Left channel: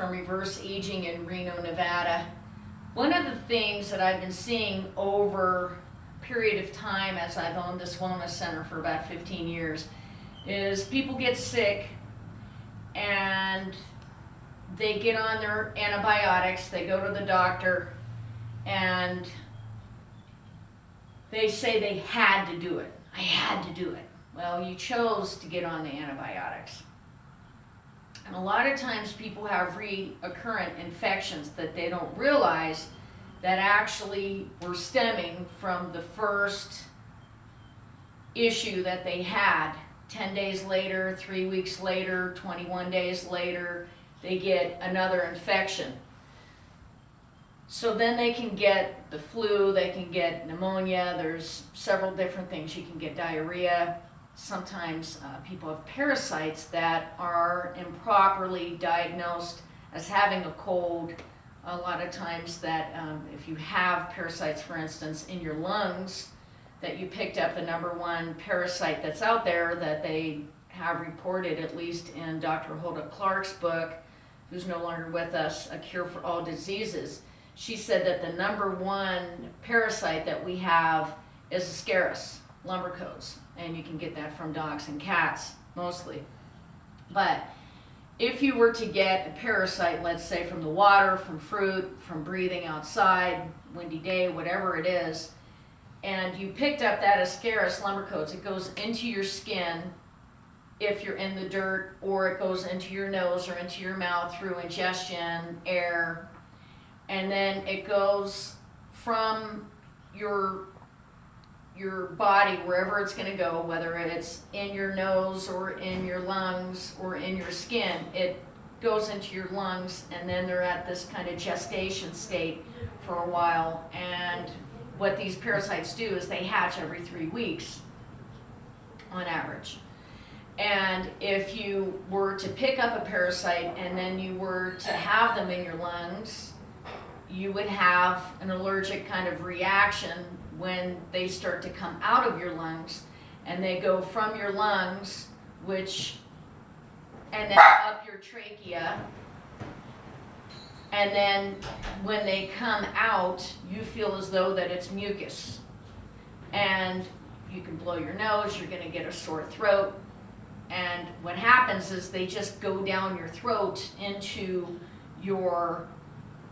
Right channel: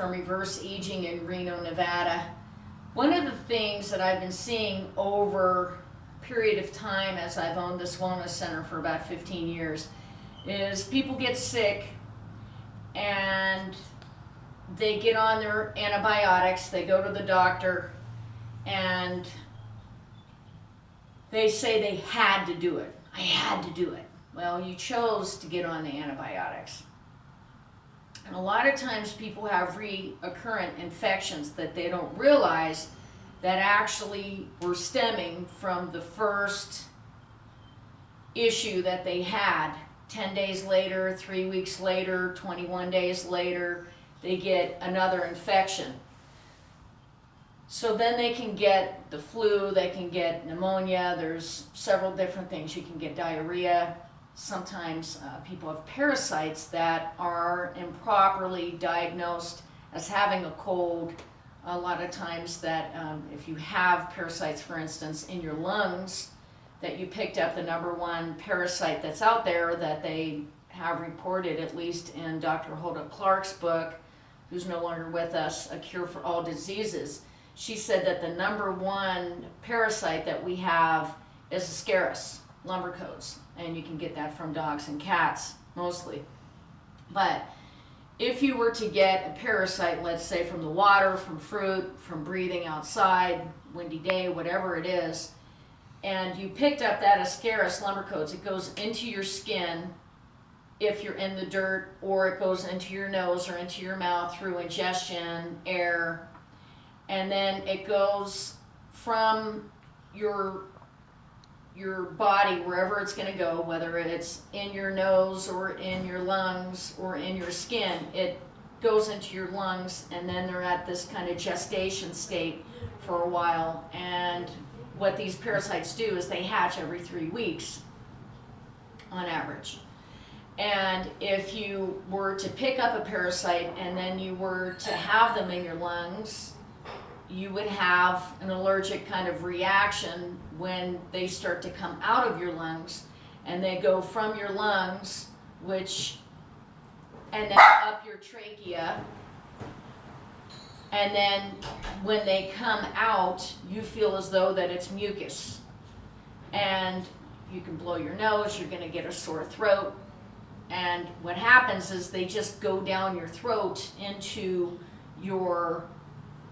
from Reverse Aging in Reno, Nevada. One of the things that I've been seeing over a period of time as I've owned this wellness center for about 15 years is people get sick and they get on their antibiotics, they go to the doctor, and they say they had to do it. I had to do it. Well, you chose to get on the antibiotics. And a lot of times people have recurrent infections that they don't realize that actually were stemming from the first issue that they had. 10 days later, 3 weeks later, 21 days later, they get another infection. So then they can get the flu, they can get pneumonia, there's several different things. You can get diarrhea. Sometimes people have parasites that are improperly diagnosed as having a cold. A lot of times that if you have parasites, for instance, in your lungs, that you picked up the number one parasite that's out there that they have reported, at least in Dr. Hulda Clark's book, who's no longer with us, A Cure for All Diseases. She said that the number one parasite that we have is Ascaris lumbricodes, and you can get that from dogs and cats mostly. But if you were to get a parasite, let's say from the water, from fruit, from breathing outside, windy day, whatever it is, and you picked up that Ascaris lumbricodes, it goes into your skin if you're in the dirt, or it goes into your nose or into your mouth through ingestion, air, and then it goes from your body, wherever it's going to go, whether it's in your nose or in your lungs or in your skin, it goes into your lungs, and then they're at this kind of gestation state for a while. And what these parasites do is they hatch every 3 weeks on average. And if you were to pick up a parasite and then you were to have them in your lungs, you would have an allergic kind of reaction when they start to come out of your lungs, and they go from your lungs, and then up your trachea, and then when they come out, you feel as though that it's mucus, and you can blow your nose, you're going to get a sore throat, and what happens is they just go down your throat into your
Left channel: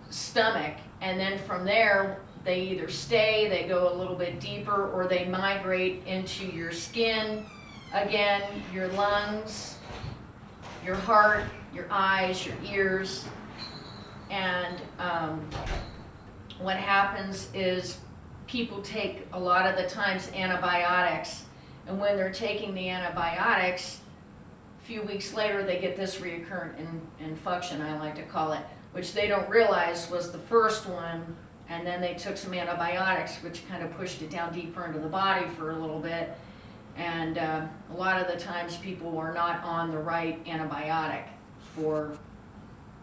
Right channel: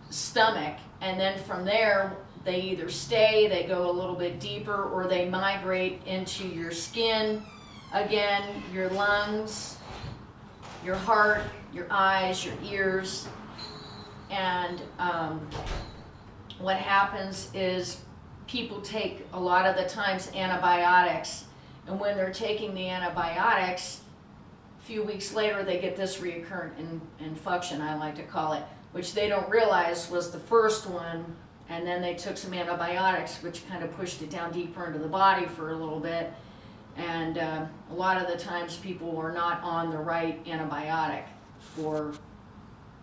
stomach, and then from there they either stay, they go a little bit deeper, or they migrate into your skin again, your lungs, your heart, your eyes, your ears. And what happens is people take a lot of the times antibiotics, and when they're taking the antibiotics, a few weeks later they get this reoccurrent infection, I like to call it, which they don't realize was the first one, and then they took some antibiotics, which kind of pushed it down deeper into the body for a little bit. And a lot of the times people are not on the right antibiotic for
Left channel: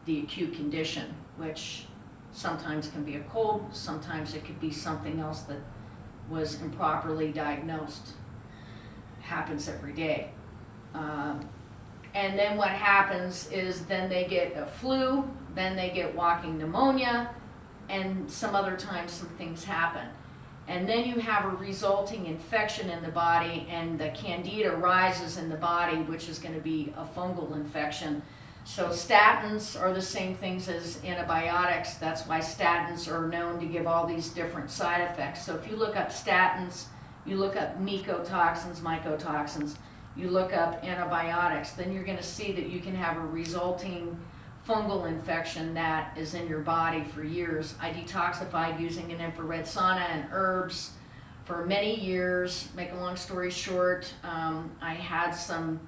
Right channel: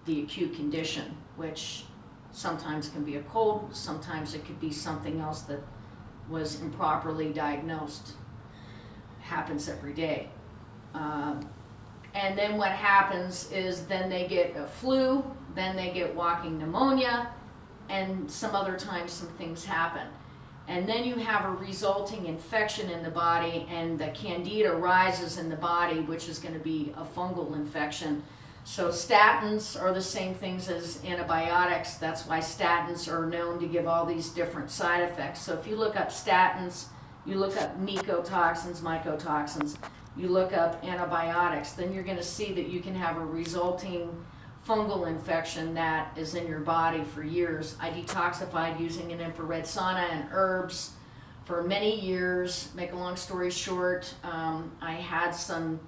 the acute condition, which sometimes can be a cold, sometimes it could be something else that was improperly diagnosed. It happens every day. And then what happens is then they get a flu, then they get walking pneumonia, and some other times some things happen. And then you have a resulting infection in the body, and the candida rises in the body, which is going to be a fungal infection. So statins are the same things as antibiotics. That's why statins are known to give all these different side effects. So if you look up statins, you look up mycotoxins, mycotoxins, you look up antibiotics, then you're going to see that you can have a resulting fungal infection that is in your body for years. I detoxified using an infrared sauna and herbs for many years. Make a long story short, I had some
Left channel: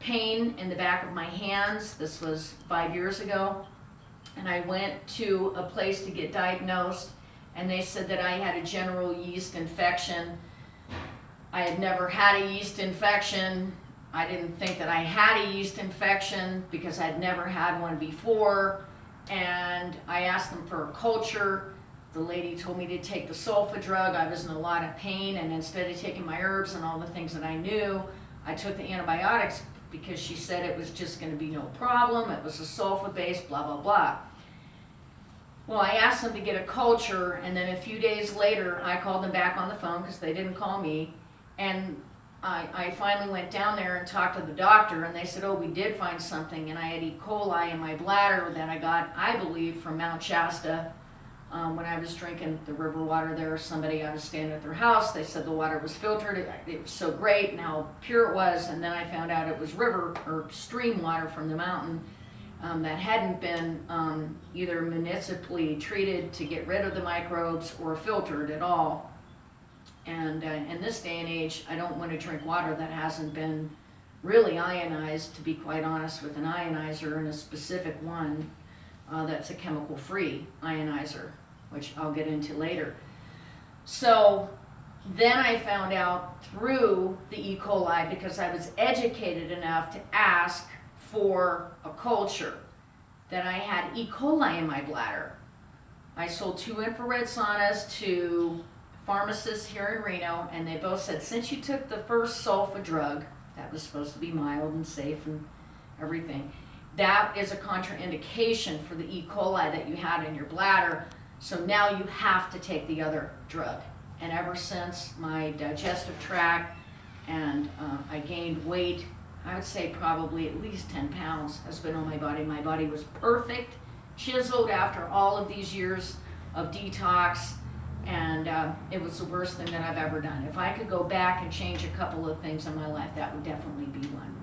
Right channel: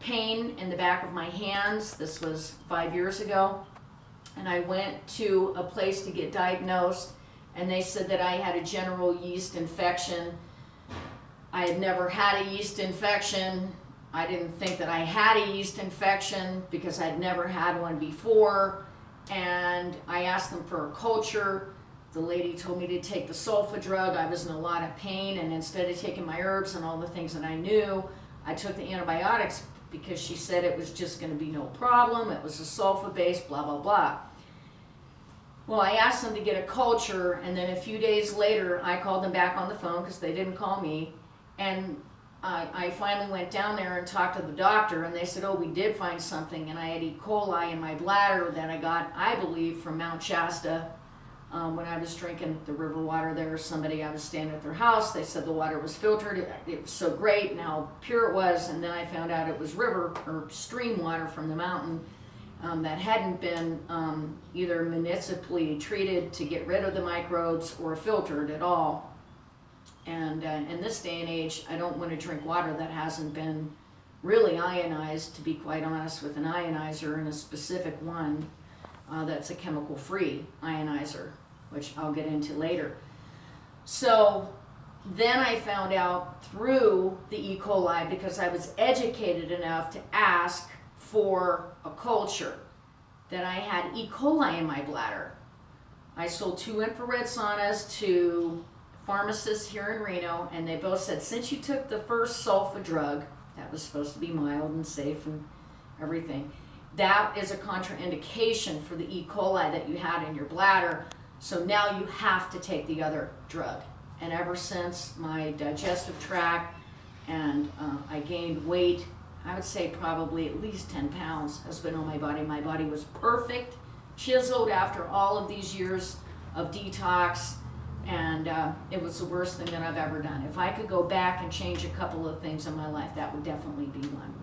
pain in the back of my hands. This was 5 years ago, and I went to a place to get diagnosed, and they said that I had a general yeast infection. I had never had a yeast infection. I didn't think that I had a yeast infection because I'd never had one before, and I asked them for a culture. The lady told me to take the sulfa drug. I was in a lot of pain, and instead of taking my herbs and all the things that I knew, I took the antibiotics because she said it was just going to be no problem. It was a sulfa-based, blah, blah, blah. Well, I asked them to get a culture, and then a few days later, I called them back on the phone because they didn't call me, and I finally went down there and talked to the doctor, and they said, oh, we did find something, and I had E. coli in my bladder that I got, I believe, from Mount Shasta when I was drinking the river water there. Somebody, I was staying at their house, they said the water was filtered, it was so great and how pure it was, and then I found out it was river or stream water from the mountain that hadn't been either municipally treated to get rid of the microbes or filtered at all. And in this day and age, I don't want to drink water that hasn't been really ionized, to be quite honest, with an ionizer, and a specific one that's a chemical-free ionizer, which I'll get into later. So then I found out through the E. coli, because I was educated enough to ask for a culture, that I had E. coli in my bladder. I sold 2 infrared saunas to pharmacists here in Reno, and they both said, since you took the first sulfa drug, that was supposed to be mild and safe and everything, that is a contraindication for the E. coli that you had in your bladder, so now you have to take the other drug. And ever since, my digestive tract and I gained weight, I would say probably at least 10 pounds has been on my body. My body was perfect, chiseled after all of these years of detox, and it was the worst thing that I've ever done. If I could go back and change a couple of things in my life, that would definitely be one.